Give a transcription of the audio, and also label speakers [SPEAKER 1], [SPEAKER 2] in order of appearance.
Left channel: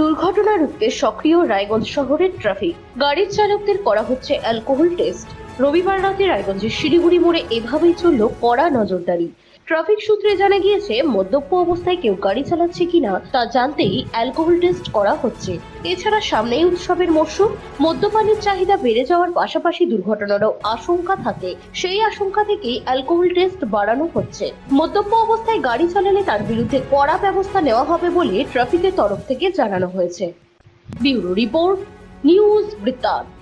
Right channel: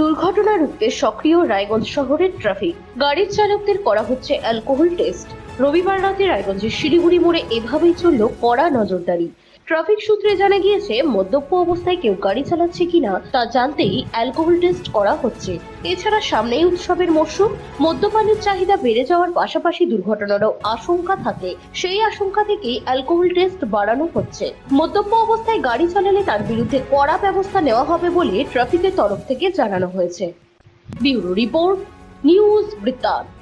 [SPEAKER 1] দুর্ঘটনা রুখতে সক্রিয় রায়গঞ্জ শহরের ট্রাফিক। গাড়ির চালকদের করা হচ্ছে অ্যালকোহল টেস্ট। রবিবার রাতে রায়গঞ্জের শিলিগুড়ি মোড়ে এভাবেই চলল কড়া নজরদারি। ট্রাফিক সূত্রে জানা গিয়েছে, মদ্যপ অবস্থায় কেউ গাড়ি চালাচ্ছে কিনা তা জানতেই অ্যালকোহল টেস্ট করা হচ্ছে। এছাড়া সামনেই উৎসবের মরশুম, মদ্যপানের চাহিদা বেড়ে যাওয়ার পাশাপাশি দুর্ঘটনারও আশঙ্কা থাকে। সেই আশঙ্কা থেকেই অ্যালকোহল টেস্ট বাড়ানো হচ্ছে। মদ্যপ অবস্থায় গাড়ি চালালে তার বিরুদ্ধে কড়া ব্যবস্থা নেওয়া হবে বলে ট্রাফিকের তরফ থেকে জানানো হয়েছে। ব্যুরো রিপোর্ট, নিউজ বৃত্তান্ত।